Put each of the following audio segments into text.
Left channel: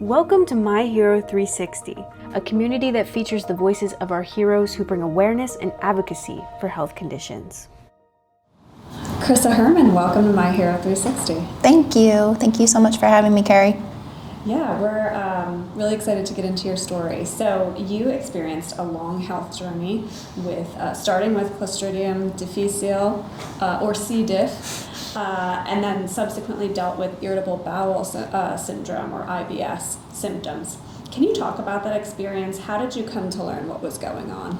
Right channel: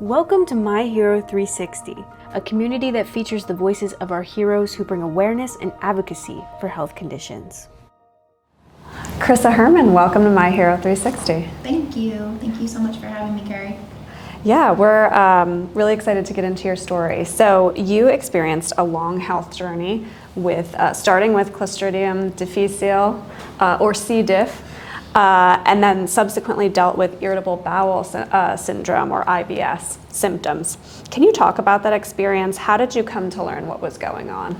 Welcome to My Hero 360, a community that features the voices of our heroes who bring awareness and advocacy for health conditions. Krissa Hoermann, welcome to My Hero 360. Thank you. Thank you so much for having me, Kerri. Yeah, we're really excited to get into your story. So you experienced a long health journey with starting with Clostridium difficile, or C. diff, and then subsequently dealt with irritable bowel syndrome, or IBS symptoms. Can you talk about that experience? How did you come to learn what was going on?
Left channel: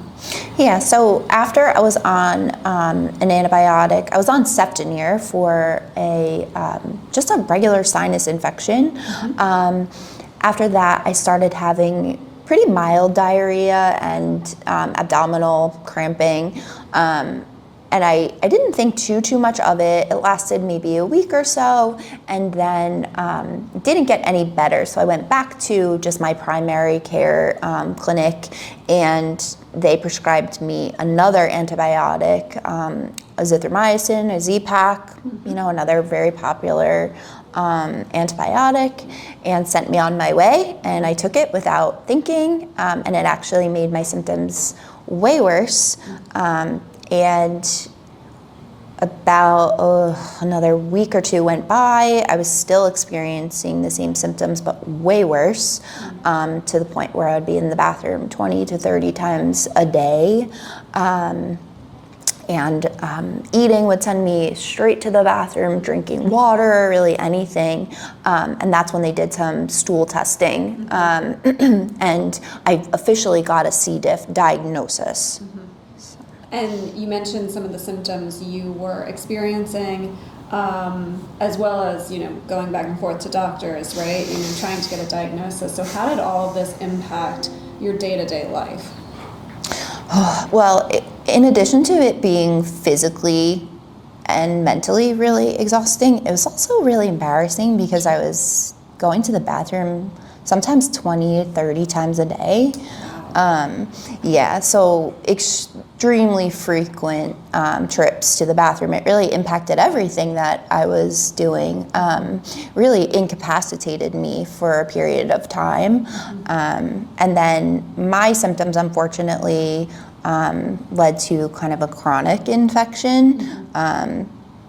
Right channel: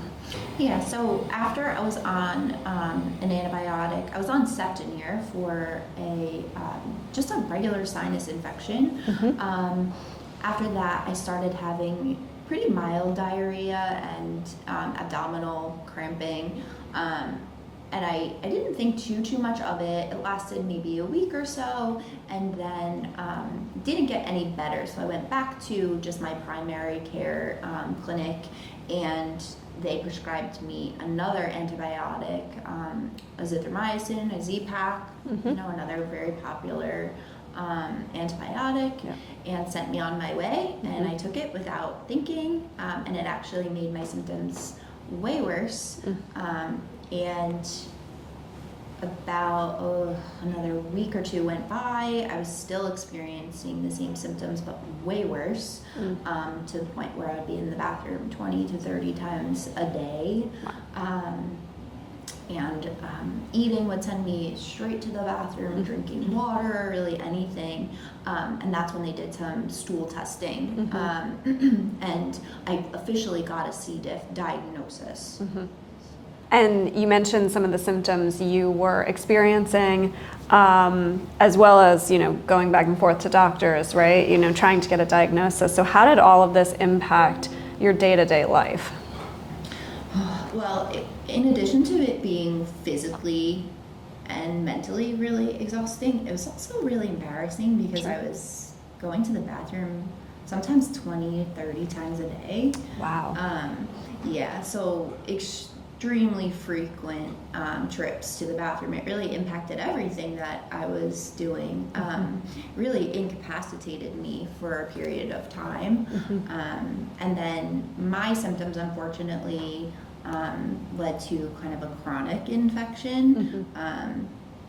Yeah, so after I was on an antibiotic, I was on Septinir for just a regular sinus infection. After that, I started having pretty mild diarrhea and abdominal cramping. And I didn't think too much of it. It lasted maybe a week or so, and then didn't get any better. So I went back to just my primary care clinic, and they prescribed me another antibiotic, azithromycin, a Z-Pak, another very popular antibiotic, and sent me on my way. And I took it without thinking, and it actually made my symptoms way worse. And about another week or two went by. I was still experiencing the same symptoms, but way worse, to the point where I would be in the bathroom 20 to 30 times a day. And eating would send me straight to the bathroom, drinking water, really anything. And that's when they did some stool testing. And I officially got a C. diff diagnosis. And you mentioned some of the symptoms you were experiencing, as well as, going back and forth to doctors, right? Trying to get a diagnosis. So how did all of this impact your day-to-day life? Well, in addition to it being physically and mentally really exhausting, it was also really embarrassing because I was going to the bathroom sometimes 20, 30 times a day. Wow. So extremely frequent trips to the bathroom. It really impacted everything that I was doing, really incapacitated me for a period of time. And then my symptoms, unfortunately, led to kind of a chronic infection.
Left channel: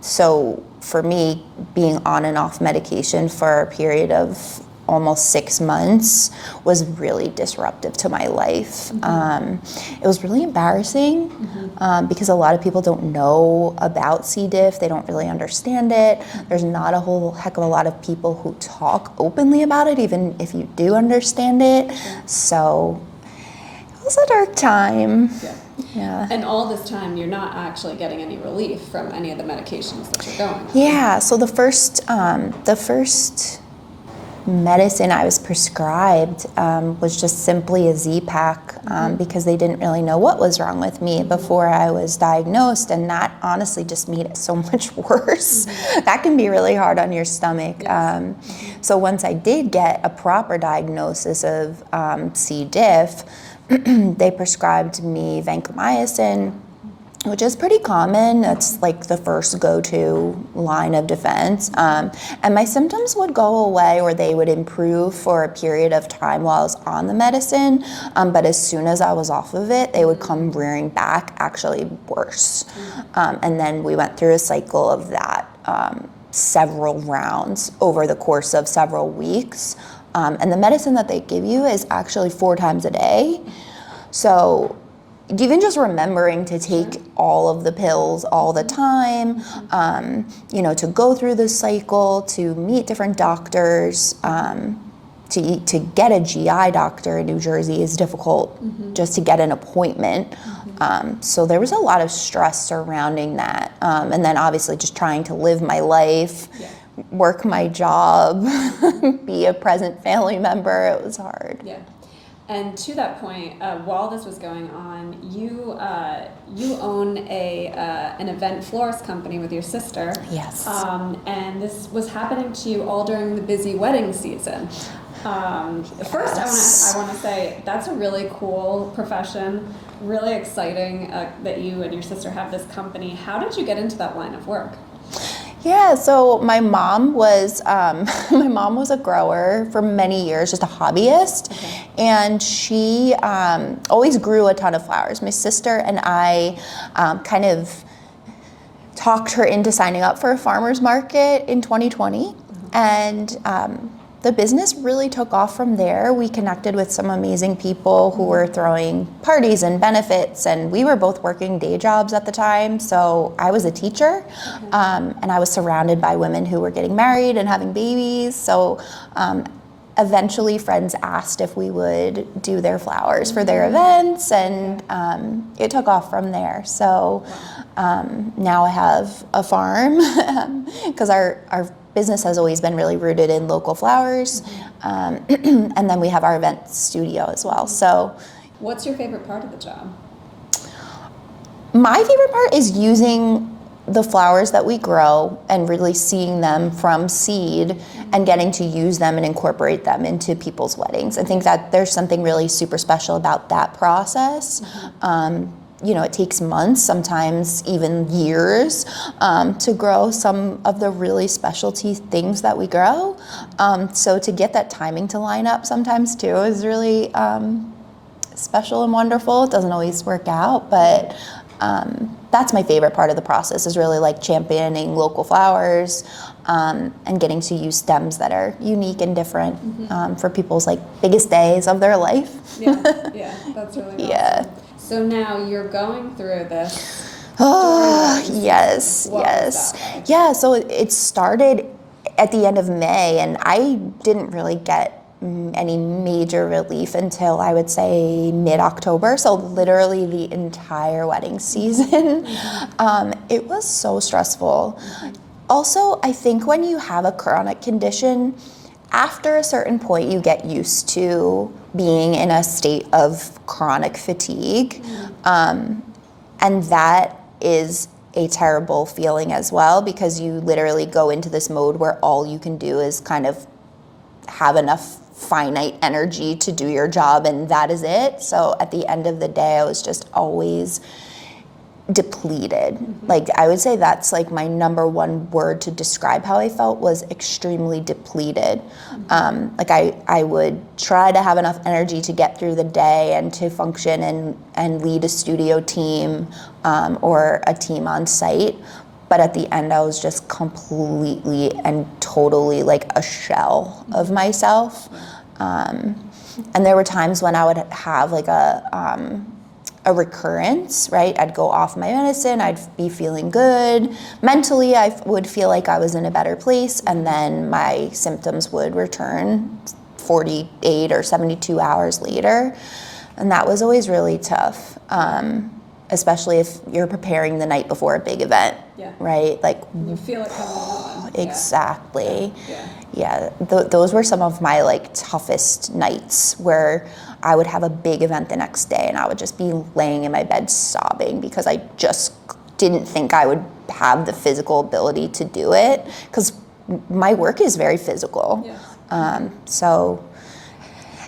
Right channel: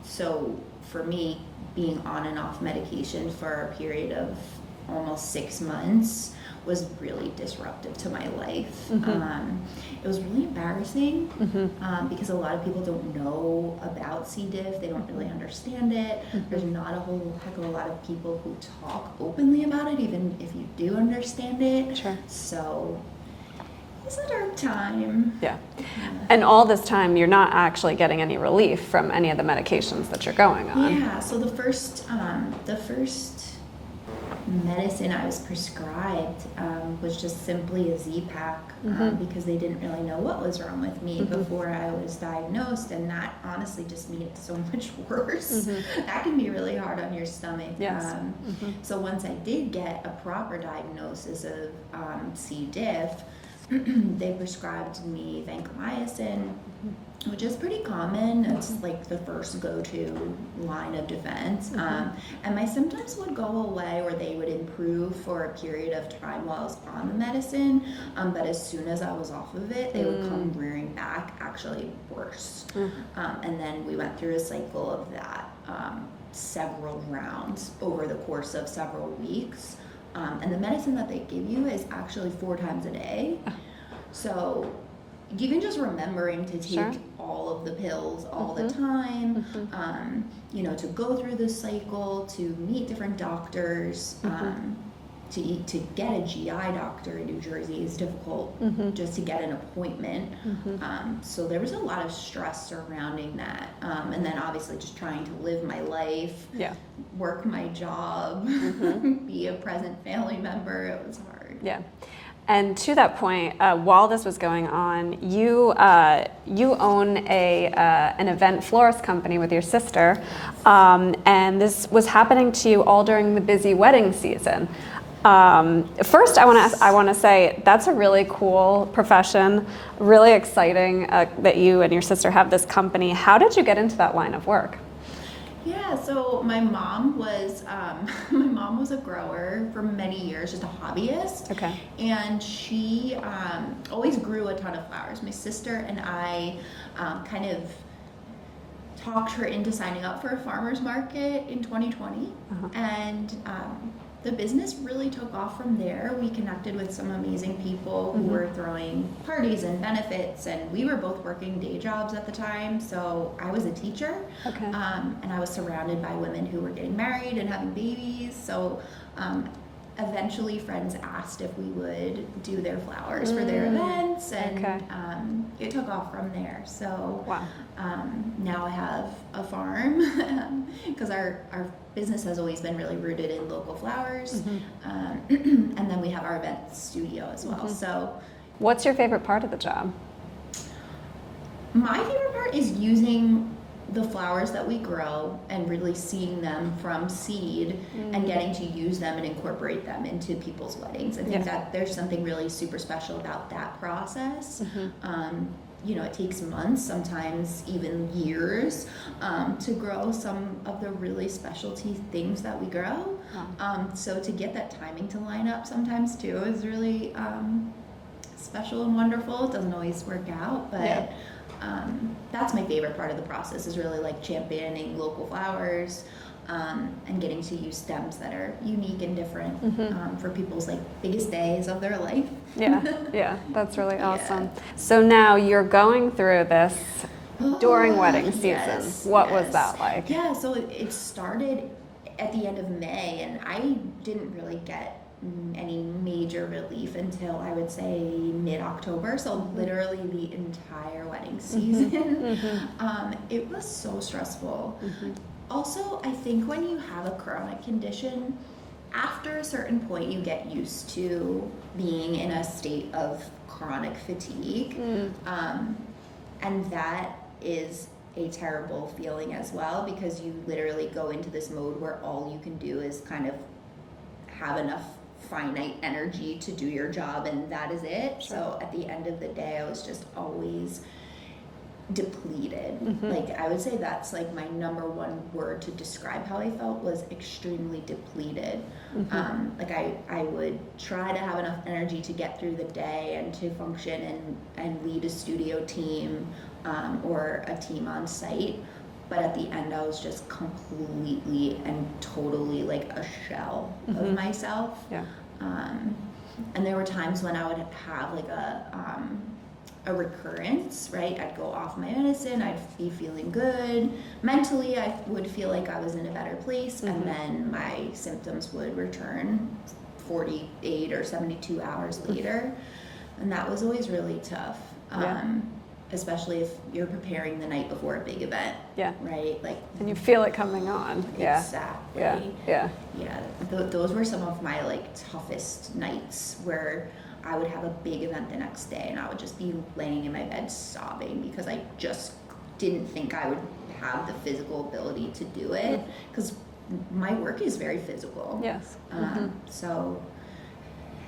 So for me, being on and off medication for a period of almost 6 months was really disruptive to my life. It was really embarrassing because a lot of people don't know about C. diff. They don't really understand it. There's not a whole heck of a lot of people who talk openly about it, even if you do understand it. Sure. So it was a dark time. Yeah. And all this time, you're not actually getting any relief from any of the medications that you're going on. Yeah, so the first medicine I was prescribed was just simply a Z-Pak because they didn't really know what was wrong with me before I was diagnosed, and that honestly just made it so much worse. That can be really hard on your stomach. Yes. So once I did get a proper diagnosis of C. diff, they prescribed me vancomycin, which is pretty common. That's like the first go-to line of defense. And my symptoms would go away, or they would improve for a period of time while I was on the medicine. But as soon as I was off of it, they would come rearing back, actually worse. And then we went through a cycle of that, several rounds over the course of several weeks. And the medicine that they give you is actually 4 times a day. So even just remembering to take all of the pills all the time, to go through the cycle, to meet different doctors, to get a GI doctor in New Jersey is difficult just to get an appointment. So there was a lot of stress surrounding that. And then obviously just trying to live my life, work my job, be a present family member. It was hard. Yeah. And to that point, while this was going on, you own an event florist company with your sister. Yes. And this was happening to you all during the busy wedding season. First, I want to say that's a really cool profession, really exciting that you and your sister have this company. How did you get into that line of work? Yeah, so my mom was my mom was a grower for many years, just a hobbyist, Okay. and she always grew a ton of flowers. My sister and I kind of talked her into signing up for a farmer's market in 2020, and the business really took off from there. We connected with some amazing people who were throwing parties and benefits, and we were both working day jobs at the time. So I was a teacher, and I was surrounded by women who were getting married and having babies. So eventually friends asked if we would do their flowers for their events, and it took off from there. So now I have a farm because our business has always been really rooted in local flowers, and then we have our event studio as well. So what's your favorite part of the job? my favorite part is using the flowers that we grow and really seeing them from seed and getting to use them and incorporate them into people's weddings. I think that there's something really super special about that process. You know, it takes months, sometimes even years, to grow some of the really specialty things that we grow. So to get that timing to line up sometimes too is really special and wonderful. It doesn't always work out, but that's my favorite part of the process, is really like championing local flowers and getting to use stems that are unique and different for people's like biggest days of their life. Yeah, that's really awesome. Yeah. So now you're going through this during wedding season. Yes, What yes. was that like? Yeah, so it started at the end of May, and I didn't really get any major relief until I would say mid-October, so literally the entire wedding season. It was so stressful. Also, I think when you have a chronic condition, after a certain point you get used to being in a state of chronic fatigue, and that is a terrible feeling as well, because you literally go into this mode where all you can do is kind of have enough finite energy to do your job, and that is it. So at the end of the day, I was just always depleted. Like, I would say that's like my number one word to describe how I felt, was extremely depleted. Like I would try to have enough energy to get through the day and to function and lead a studio team or a team on site. But at the end, I was just completely and totally like a shell of myself. And there were times when I would have like a recurrence, right? I'd go off my medicine, I'd be feeling good. Mentally, I would feel like I was in a better place, and then my symptoms would return 48 or 72 hours later. And that was always really tough. Especially if you're preparing the night before a big event, right? Like, and you feel it coming on. Exactly. Yeah. Those were some of my like toughest nights, where I would have a big event the next day and I would just be laying in my bed sobbing because I just didn't think I would have the physical ability to do it, because my work is very physical. So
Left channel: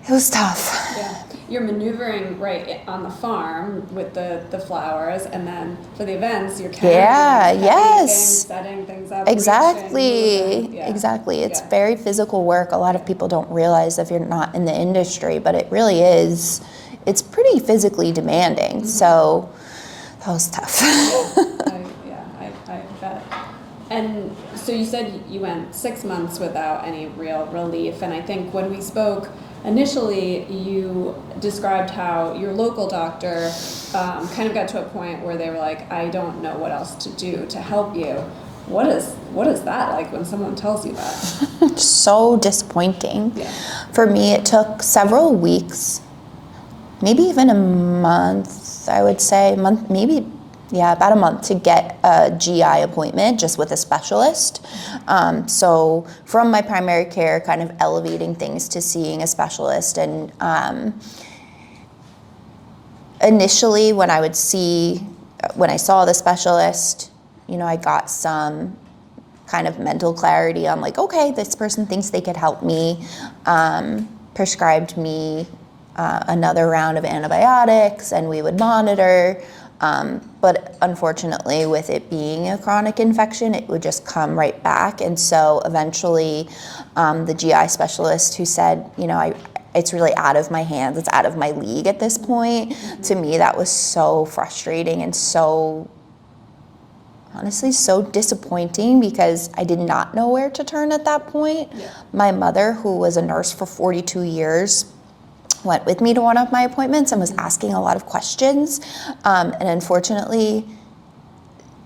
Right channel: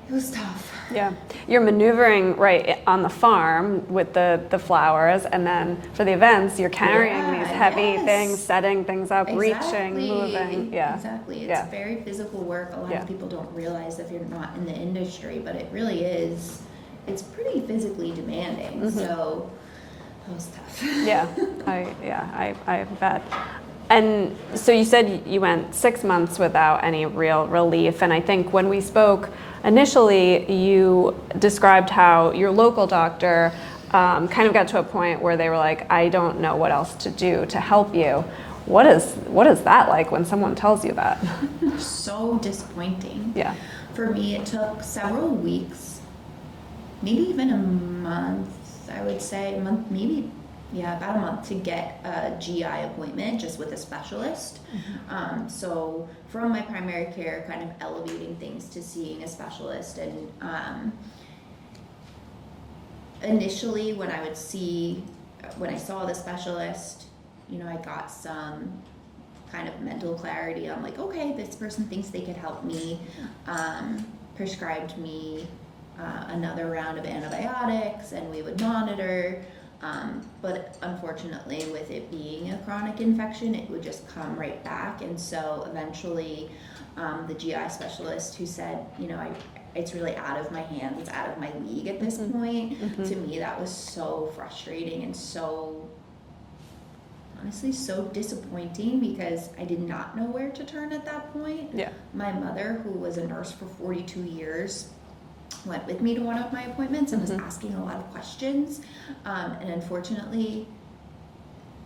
it was tough. Yeah, you're maneuvering right on the farm with the flowers, and then for the events, you're carrying these heavy things, setting things up, reaching, moving. Exactly. It's very physical work. A lot of people don't realize if you're not in the industry, but it really is. It's pretty physically demanding. So that was tough. I bet. And so you said you went 6 months without any real relief, and I think when we spoke initially, you described how your local doctor kind of got to a point where they were like, I don't know what else to do to help you. What is that like when someone tells you that? So disappointing. Yeah. For me, it took several weeks, maybe even a month, I would say, about a month to get a GI appointment just with a specialist. So from my primary care, kind of elevating things to seeing a specialist. And initially when I saw the specialist, you know, I got some kind of mental clarity on like, okay, this person thinks they could help me, prescribed me another round of antibiotics, and we would monitor. But unfortunately, with it being a chronic infection, it would just come right back. And so eventually, the GI specialist who said, it's really out of my hands, it's out of my league at this point. To me, that was so frustrating and so, honestly, so disappointing, because I did not know where to turn at that point. Yeah. My mother, who was a nurse for 42 years, went with me to one of my appointments and was asking a lot of questions. And unfortunately,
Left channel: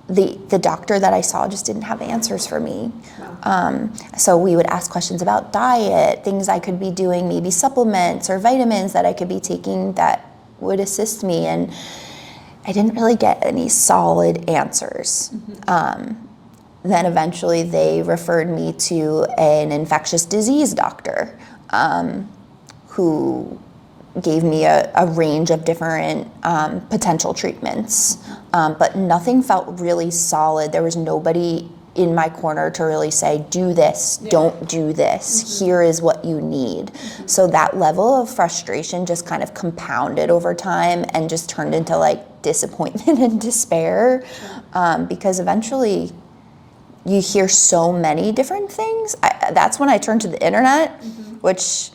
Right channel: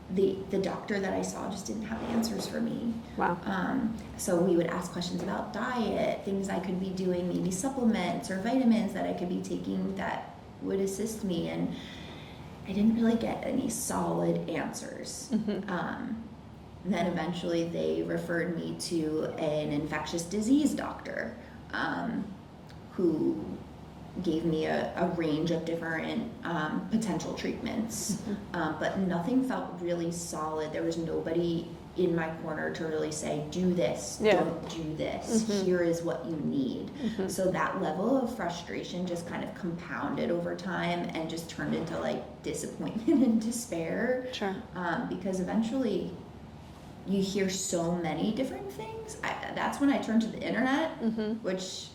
the doctor that I saw just didn't have answers for me. Wow. So we would ask questions about diet, things I could be doing, maybe supplements or vitamins that I could be taking that would assist me. And I didn't really get any solid answers. Then eventually they referred me to an infectious disease doctor, who gave me a range of different potential treatments, but nothing felt really solid. There was nobody in my corner to really say, do this, don't do this, here is what you need. So that level of frustration just kind of compounded over time and just turned into like disappointment and despair, because eventually you hear so many different things. That's when I turned to the internet, which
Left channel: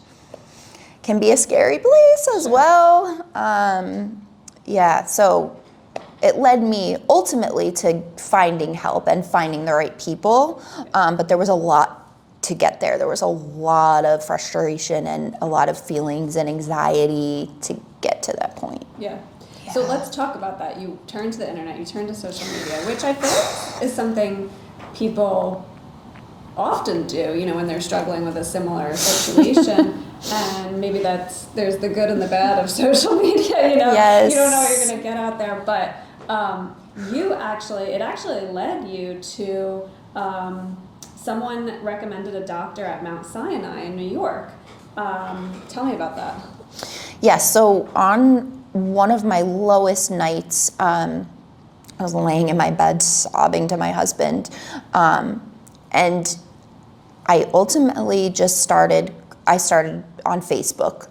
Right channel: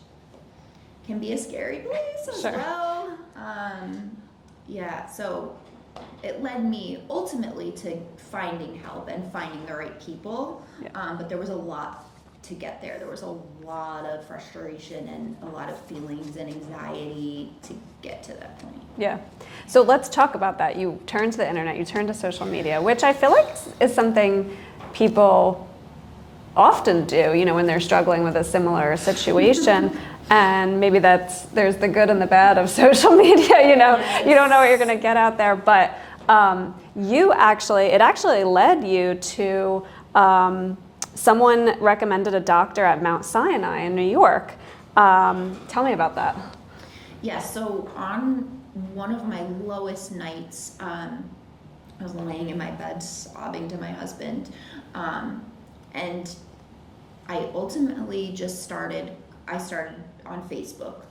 can be a scary place as well. So it led me ultimately to finding help and finding the right people. But there was a lot to get there. There was a lot of frustration and a lot of feelings and anxiety to get to that point. Yeah. So let's talk about that. You turned to the internet, you turned to social media, which I feel like is something people often do, when they're struggling with a similar situation. And maybe there's the good and the bad of social media, Yes. You don't know what you're going to get out there. But it actually led you to, someone recommended a doctor at Mount Sinai in New York. Tell me about that. Yes, so on one of my lowest nights, I was laying in my bed sobbing to my husband, and I ultimately I started on Facebook,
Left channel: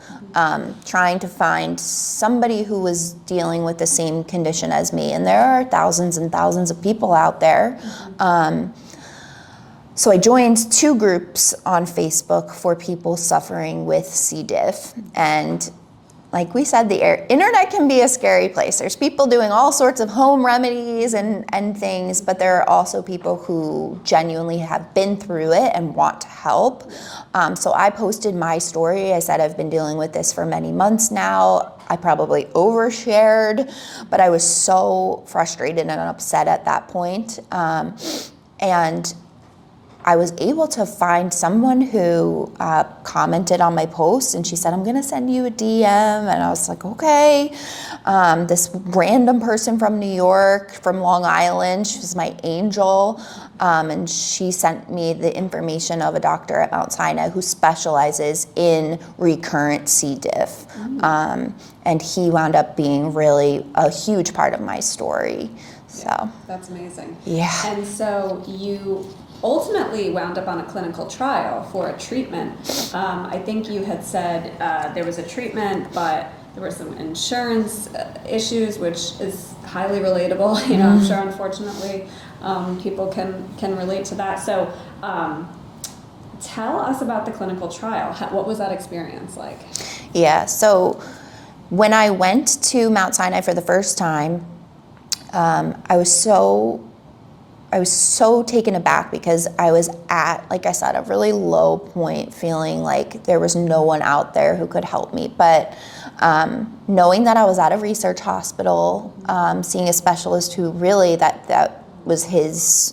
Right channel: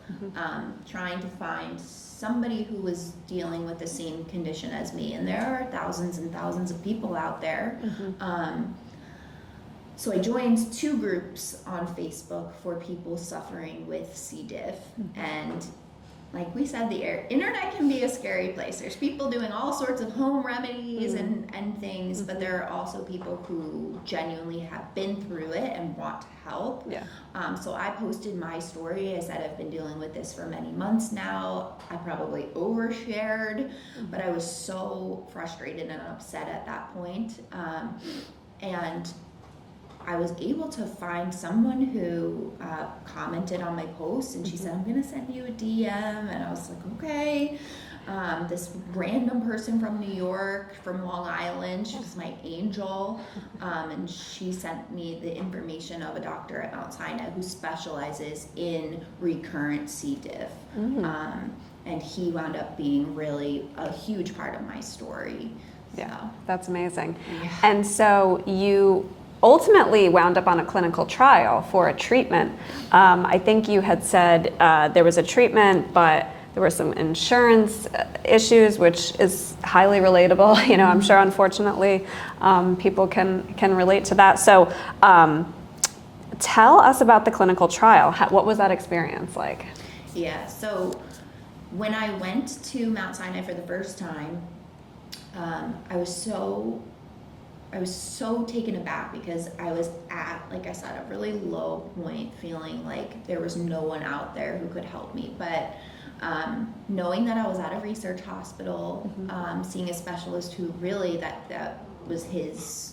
trying to find somebody who was dealing with the same condition as me. And there are thousands and thousands of people out there. So I joined 2 groups on Facebook for people suffering with C. diff. And like we said, the internet can be a scary place. There's people doing all sorts of home remedies and things, but there are also people who genuinely have been through it and want to help. So I posted my story. I said I've been dealing with this for many months now. I probably overshared, but I was so frustrated and upset at that point. And I was able to find someone who commented on my post, and she said, I'm gonna send you a DM. And I was like, okay. This random person from New York, from Long Island, she was my angel. And she sent me the information of a doctor at Mount Sinai who specializes in recurrent C. diff. And he wound up being really a huge part of my story. So That's amazing. Yeah. And so you ultimately wound up on a clinical trial for a treatment. I think you had said there was a treatment, but there were some insurance issues, which is highly relatable. I'm sure, unfortunately, people can relate to that. So tell us about the clinical trial. What was that experience like? Yeah, so when I went to Mount Sinai for the first time, I was so taken aback because I was at, like I said, a really low point, feeling like there was no one out there who could help me. But knowing that I was at a research hospital, seeing a specialist who really that was his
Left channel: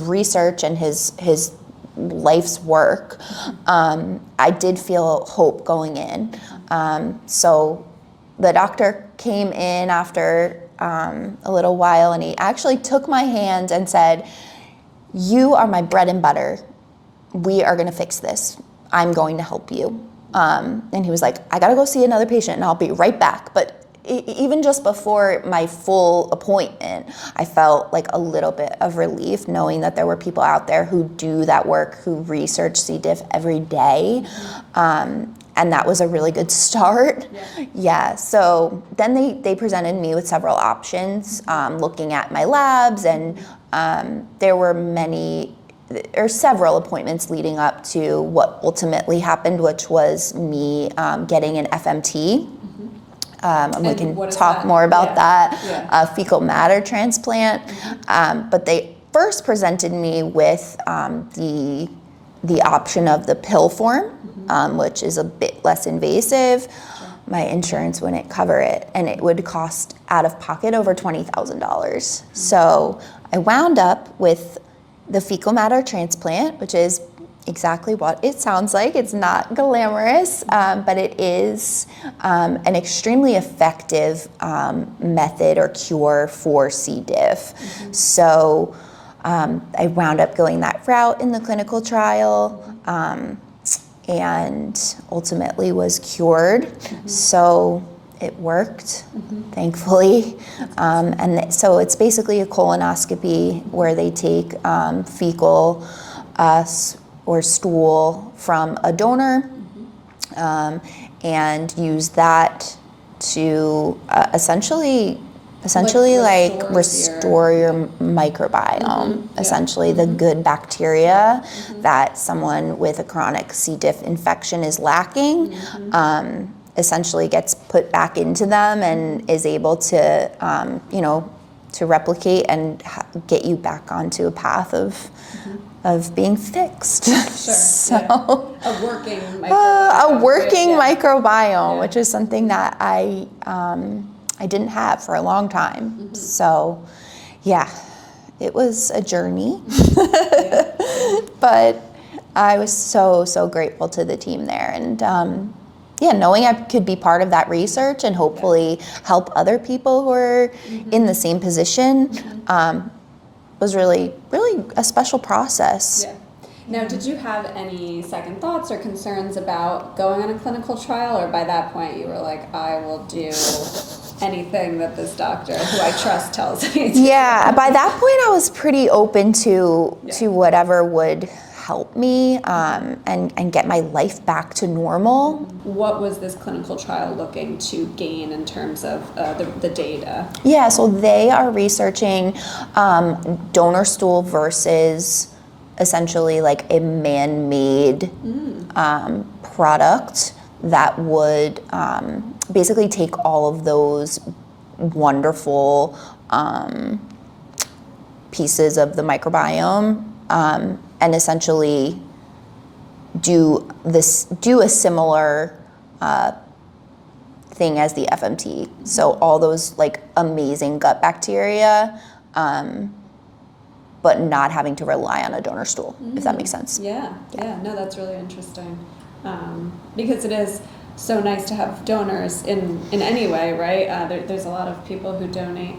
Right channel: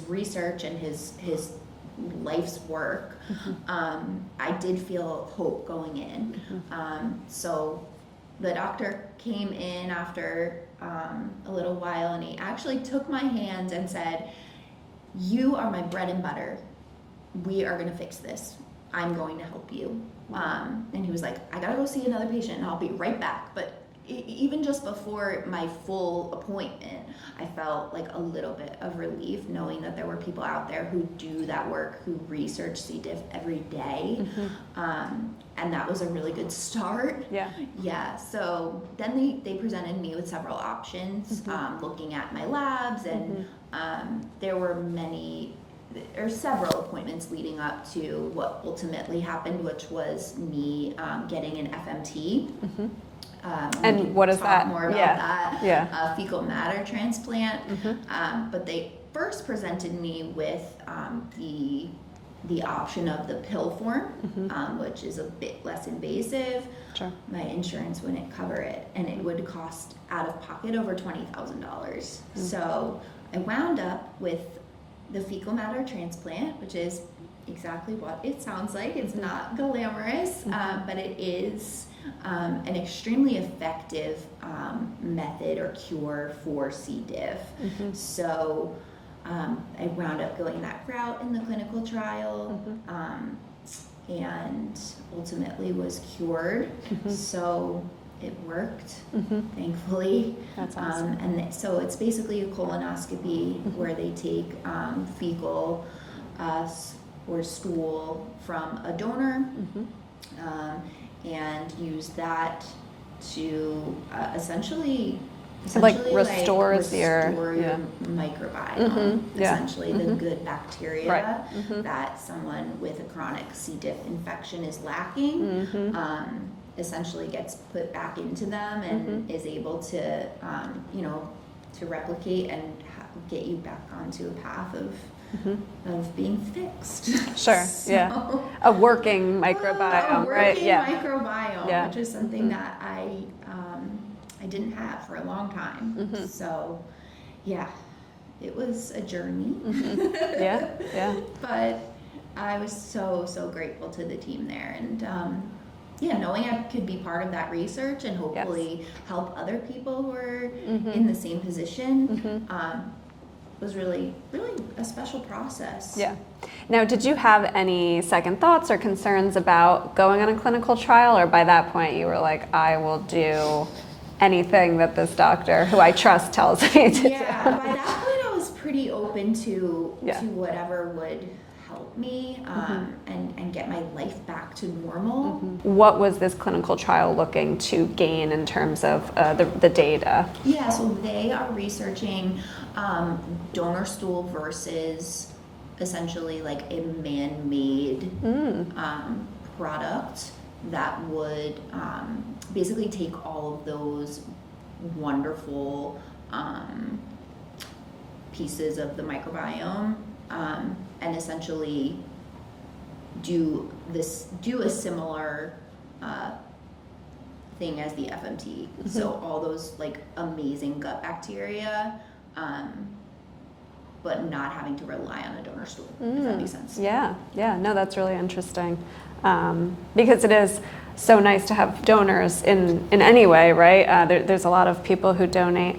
research and his life's work, I did feel hope going in. So the doctor came in after a little while, and he actually took my hand and said, you are my bread and butter. We are going to fix this. I'm going to help you. And he was like, I got to go see another patient and I'll be right back. But even just before my full appointment, I felt like a little bit of relief knowing that there were people out there who do that work, who research C. diff every day. and that was a really good start. Yeah. So then they presented me with several options, looking at my labs, and there were several appointments leading up to what ultimately happened, which was me getting an FMT. And we can talk more about that, fecal matter transplant. But they first presented me with the option of the pill form, which is a bit less invasive. Sure. My insurance wouldn't cover it, and it would cost out of pocket over $20,000. So I wound up with the fecal matter transplant, which is exactly what it sounds like. It's not glamorous, but it is an extremely effective method or cure for C. diff. So I wound up going that route in the clinical trial, and ultimately was cured. So it worked, thankfully. So it's basically a colonoscopy where they take fecal or stool from a donor, and use that to essentially restore your microbiome, essentially the good bacteria that someone with a chronic C. diff infection is lacking, essentially gets put back into them and is able to, to replicate and get you back onto a path of being fixed. Sure. So, a working microbiome. Microbiome, which is something that I didn't have for a long time. So, yeah, it was a journey. But I was so grateful to the team there, and knowing I could be part of that research and hopefully help other people who are in the same position was really a special process. Yeah. Now, did you have any second thoughts or concerns about going on a clinical trial, or by that point you were like, I will do anything that this doctor, who I trust, tells me to do? By that point I was pretty open to whatever would help me and get my life back to normal. What was this clinical trial looking to gain in terms of the data? Yeah, so they are researching donor stool versus essentially like a man-made product that would basically take all of those wonderful pieces of the microbiome and essentially do a similar thing as the FMT. So all those like amazing gut bacteria, but not having to rely on a donor stool, if that makes sense. Yeah, no, that's really interesting. Because it is so nice to have donors in any way, right? There's a lot of people who donate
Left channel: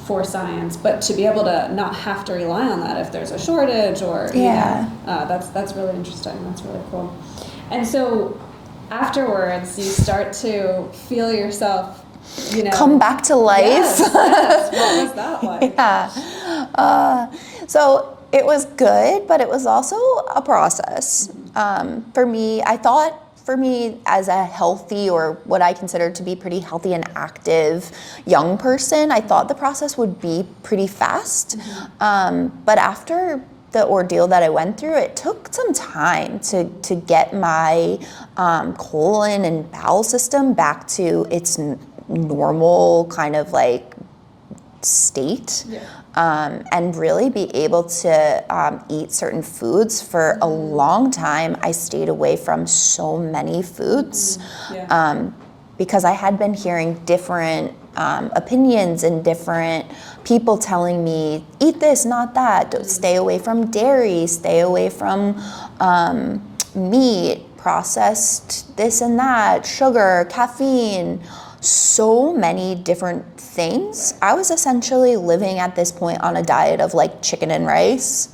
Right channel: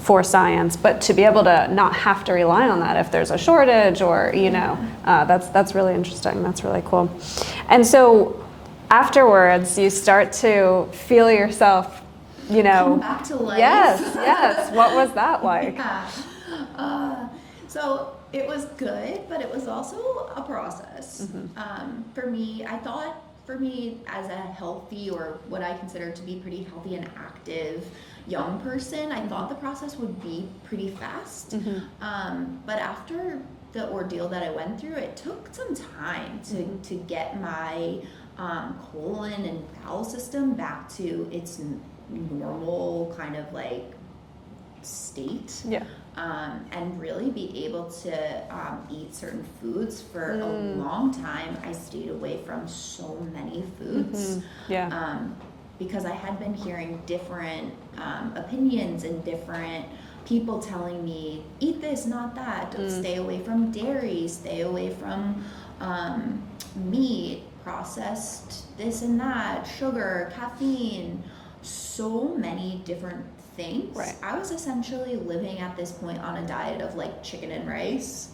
for science, but to be able to not have to rely on that if there's a shortage or, that's really interesting. That's really cool. And so afterwards, you start to feel yourself, come back to life. Yes. What was that like? So it was good, but it was also a process. For me, as a healthy, or what I consider to be pretty healthy and active young person, I thought the process would be pretty fast. But after the ordeal that I went through, it took some time to get my colon and bowel system back to its normal kind of like state. And really be able to eat certain foods. For a long time, I stayed away from so many foods because I had been hearing different opinions and different people telling me, eat this, not that, stay away from dairy, stay away from meat, processed this and that, sugar, caffeine, so many different things. Right. I was essentially living at this point on a diet of like chicken and rice.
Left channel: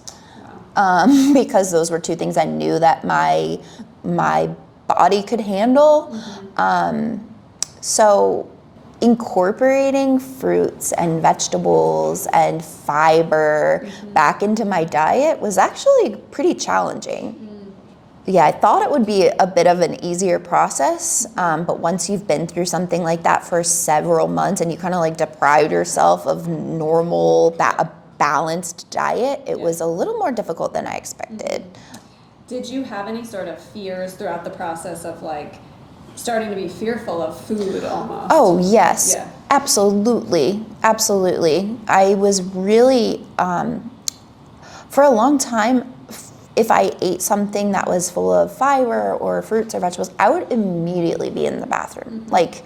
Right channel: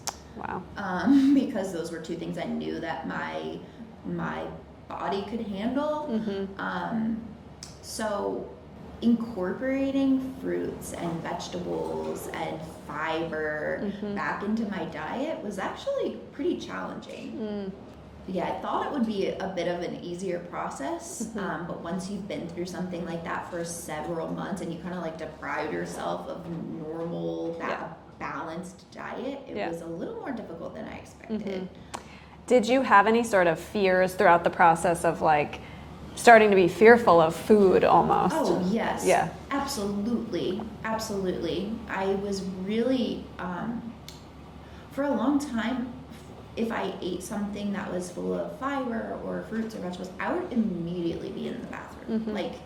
Wow. Because those were two things I knew that my body could handle. So incorporating fruits and vegetables and fiber back into my diet was actually pretty challenging. I thought it would be a bit of an easier process, but once you've been through something like that for several months and you kind of like deprive yourself of normal, a balanced diet, it was a little more difficult than I expected. Did you have any sort of fears throughout the process of like starting to be fearful of food almost? Oh, yes. Yeah. Absolutely. Absolutely. I was really, for a long time, if I ate something that was full of fiber or fruits or vegetables, I would immediately be in the bathroom. Like,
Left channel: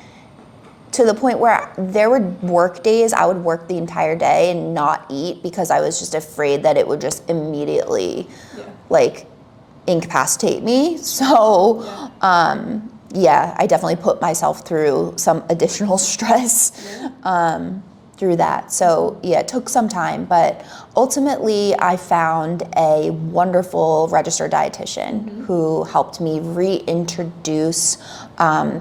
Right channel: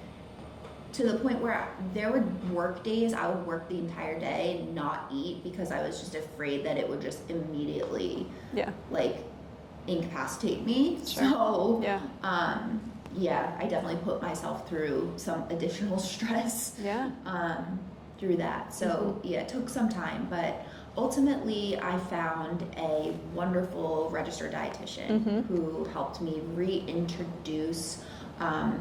to the point where there were work days, I would work the entire day and not eat because I was just afraid that it would just immediately, like, incapacitate me. So, I definitely put myself through some additional stress through that. So it took some time, but ultimately I found a wonderful registered dietitian who helped me reintroduce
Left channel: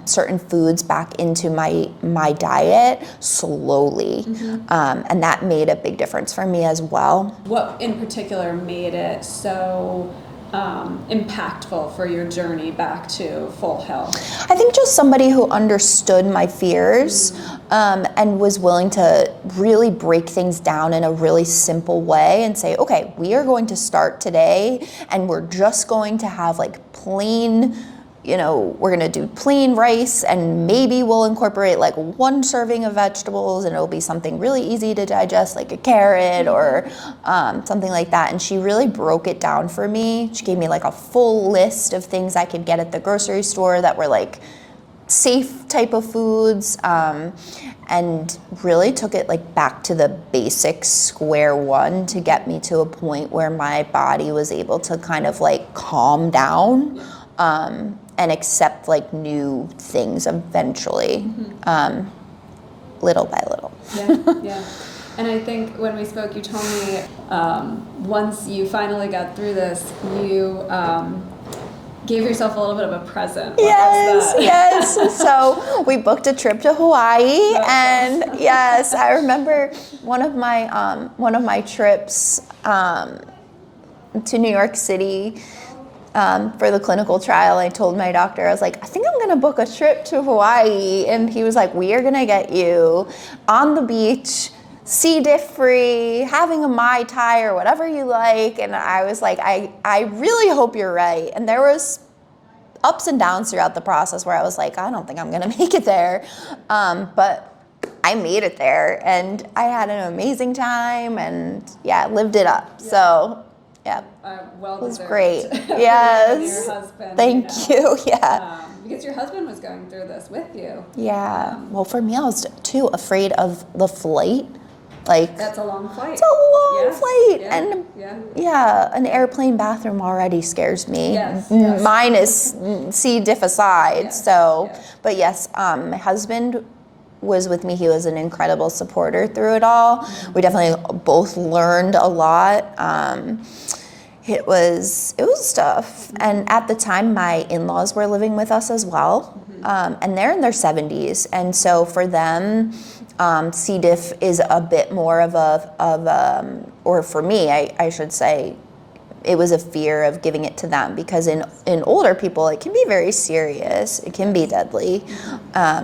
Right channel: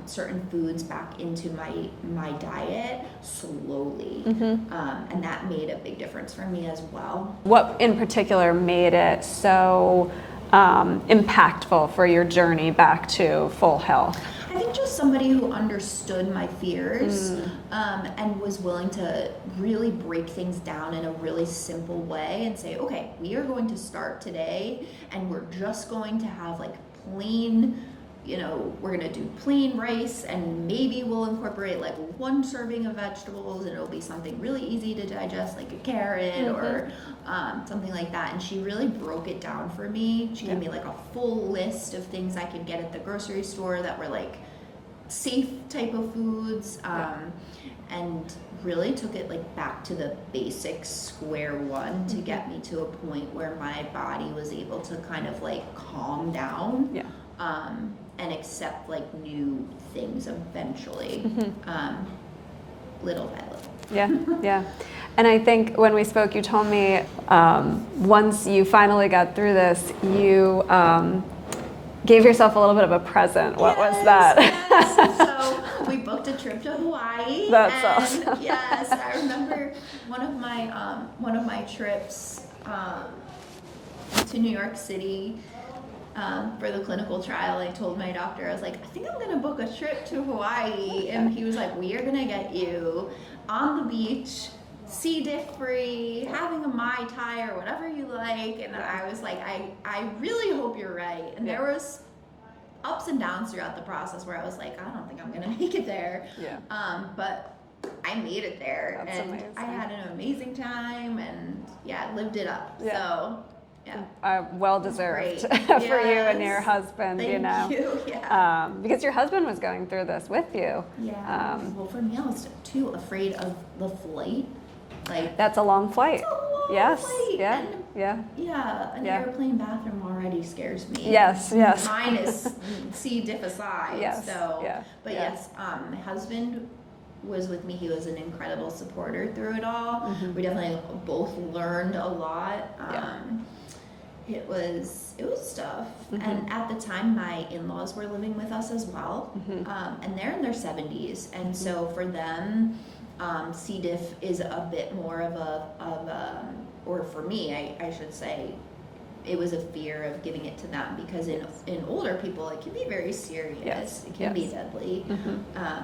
certain foods back into my diet slowly. And that made a big difference for me as well. What in particular made it so impactful for your journey back to full health? I think just somebody who understood my fears and was willing to really break things down in a really simple way and say, okay, we are going to start today and we're just going to have like plain, we're going to do plain rice and maybe we'll incorporate like one serving of vegetables and it'll be something really easy to digest, like a carrot or something like that. And she really broke it down for me. She gave me like a full list of things I could get at the grocery store that were like safe type of foods, and really took it like back to the basic square one to get me to a point where my body was able to kind of like calm down. And accept like new things eventually, little by little. Yeah. And I think when we spoke, you told me once you finally got through this, you gave yourself a little bit of a present. What was that? Yes. So we booked a trip to Hawaii, That's awesome. Yes, I remember one of my trips to New York City. For the clinical trial, I told my doctor, I was like, I think I'm going to book a trip to Hawaii. And he was like, we are going to get you on the beach, C. diff free, having a Mai Tai or whatever you like. And I was like, I really hope you're right. And there was ups and downs throughout the process where I was like, I don't think I'm going to make it there. But I made it there and I had an amazing time and lived it up. So. Yeah. Well was deserved. Great. For Yes. you and your husband. Thank you. Yeah. Because your husband was going through this with you. Yeah. Well, for me, I was too afraid of the flight. Like that's a long flight. It's a long flight, and an airplane bathroom already scares me. Yes. Minus C. diff aside. Yes. So, but yes, my husband was with me. He was an incredible supporter through it all. We definitely both learned a lot. It was tough. And at the time, my in-laws were living with us as well. And they're in their 70s. And so for them, C. diff is a bit more of or for me, I should say, it was a fear of giving it to them because in older people, it can be very serious. It can be deadly.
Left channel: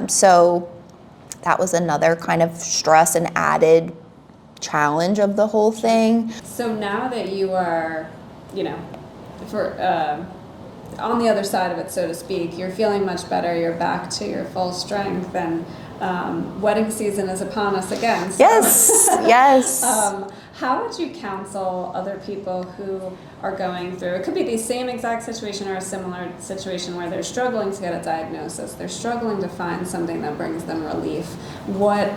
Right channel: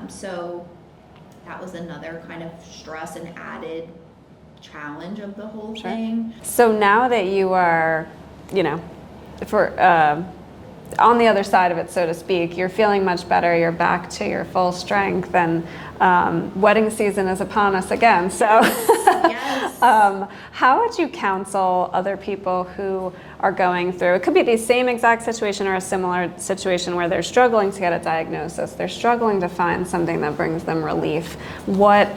So that was another kind of stress and added challenge of the whole thing. So now that you are, on the other side of it, so to speak, you're feeling much better, you're back to your full strength, and wedding season is upon us again. So, yes. How would you counsel other people who are going through, it could be the same exact situation or a similar situation where they're struggling to get a diagnosis, they're struggling to find something that brings them relief. What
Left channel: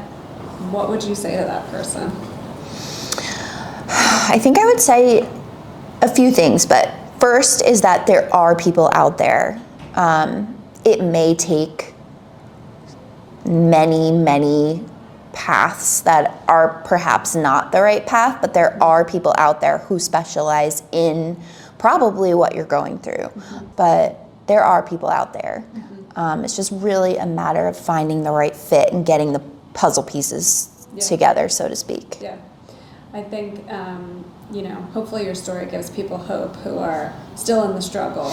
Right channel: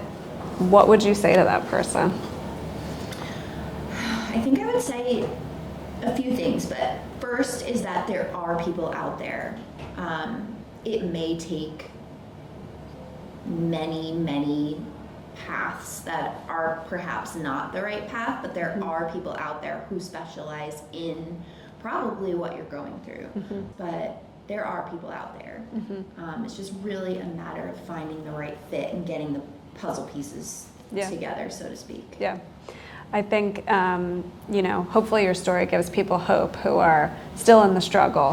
would you say to that person? I think I would say a few things, but first is that there are people out there. It may take many paths that are perhaps not the right path, but there are people out there who specialize in probably what you're going through. But there are people out there. It's just really a matter of finding the right fit and getting the puzzle pieces together, so to speak. Yeah. I think, hopefully your story gives people hope who are still in the struggle,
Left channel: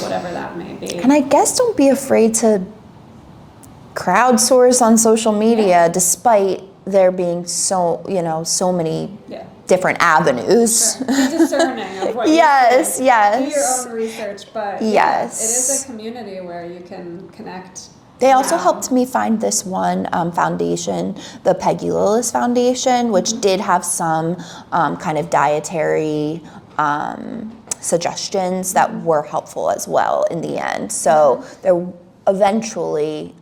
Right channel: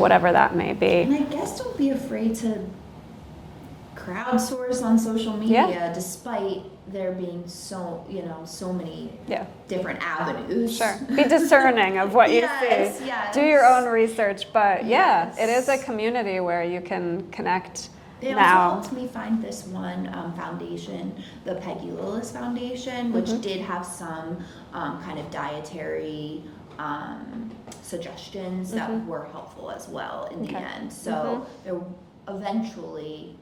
whatever that may be. And I guess don't be afraid to crowdsource on social media, despite there being so many different avenues. Sure. Be discerning of what you see. Yes. Do your own research, but yes. it is a community where you can connect. They also helped me find this one foundation, the Peggy Lillis Foundation, which did have some kind of dietary suggestions that were helpful as well in the end. So there eventually,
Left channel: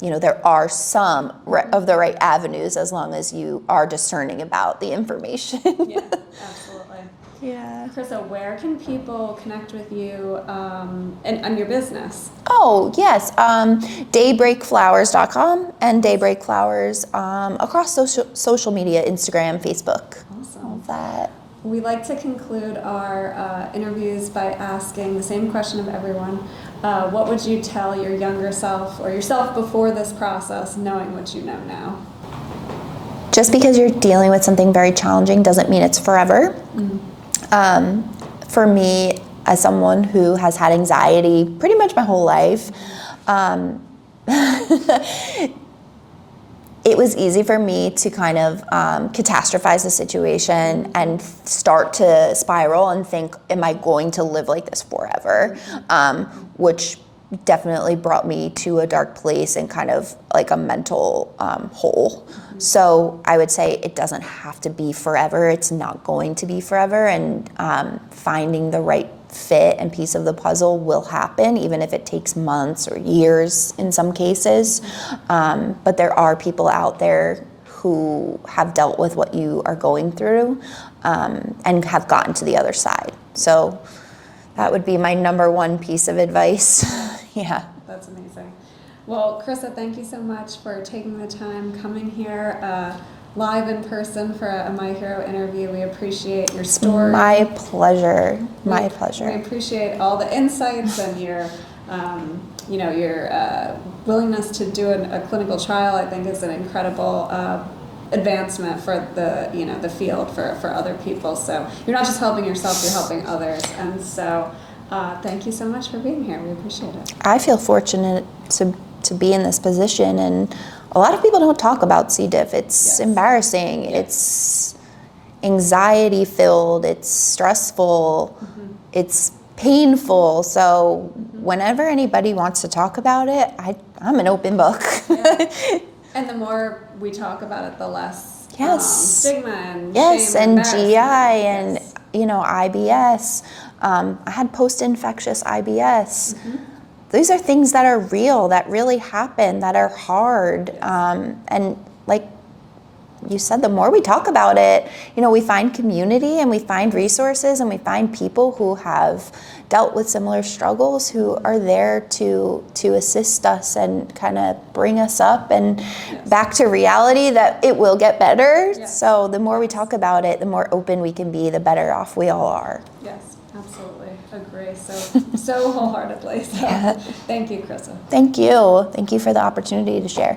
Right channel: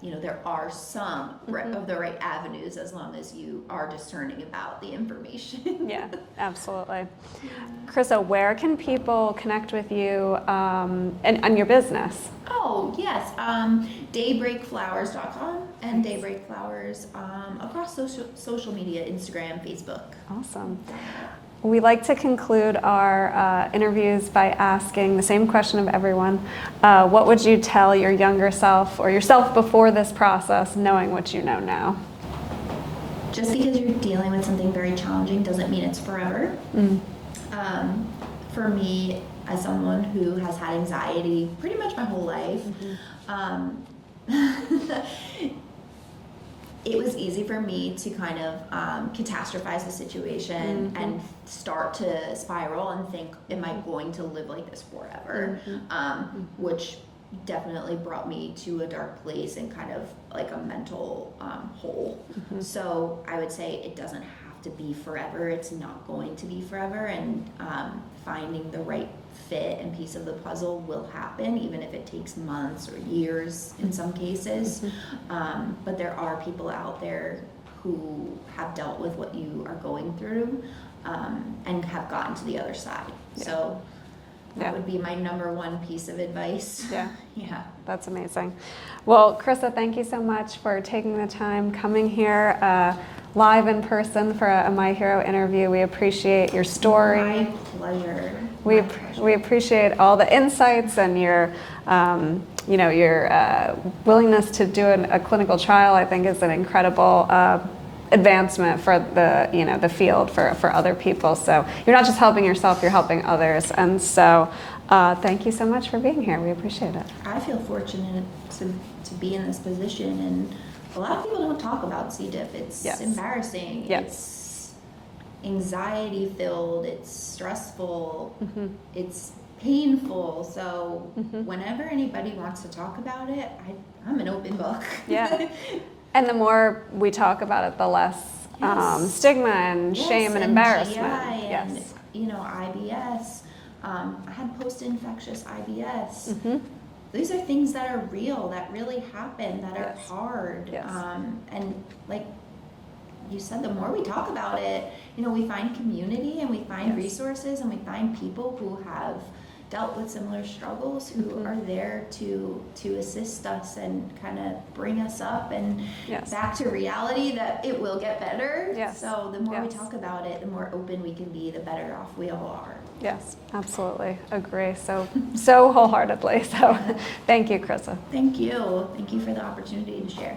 there are some of the right avenues as long as you are discerning about the information. Yeah, absolutely. Yeah. Krissa, where can people connect with you and your business? Oh, yes. Daybreakflowers.com and Daybreak Flowers across social media, Instagram, Facebook. Awesome. That. We like to conclude our interviews by asking the same question of everyone. What would you tell your younger self or yourself before this process, knowing what you know now? Just because you're dealing with something very challenging doesn't mean it's forever. For me, as someone who has had anxiety pretty much my whole life, it was easy for me to kind of catastrophize the situation and start to spiral and think, am I going to live like this forever? Which definitely brought me to a dark place and kind of like a mental hole. So I would say it doesn't have to be forever. It's not going to be forever. And finding the right fit and piece of the puzzle will happen, even if it takes months or years in some cases. But there are people out there who have dealt with what you are going through and have gotten to the other side. So that would be my number one piece of advice. Yeah. That's amazing. Well, Krissa, thank you so much for taking the time, coming here live in person for a My Hero interview. We appreciate your story. My pleasure. My pleasure. We appreciate all the insights and your willingness to do a clinical trial. I think is an incredible advancement for the field for other people. So you're not just helping yourself, you're helping others. And so thank you so much for being here. We appreciate it. I feel fortunate to be in this position, and a lot of people don't talk about C. diff. It's embarrassing. It's anxiety filled. It's stressful. It's painful. So whenever anybody wants to talk about it, I'm an open book. Yeah. And the more we talk about it, the less stigma and shame and embarrassment. GI and IBS. I had post-infectious IBS. These are things that are real, that really happen, that are hard. And like you said, the more we talk about it, we find community and we find resources and we find people who have dealt with similar struggles who are there to assist us and kind of bring us up and back to reality that it will get better. So the more we talk about it, the more open we can be, the better off we all are. Yes, absolutely. Agree. So wholeheartedly. So thank you, Krissa. Thank you. Thank you for the opportunity to share.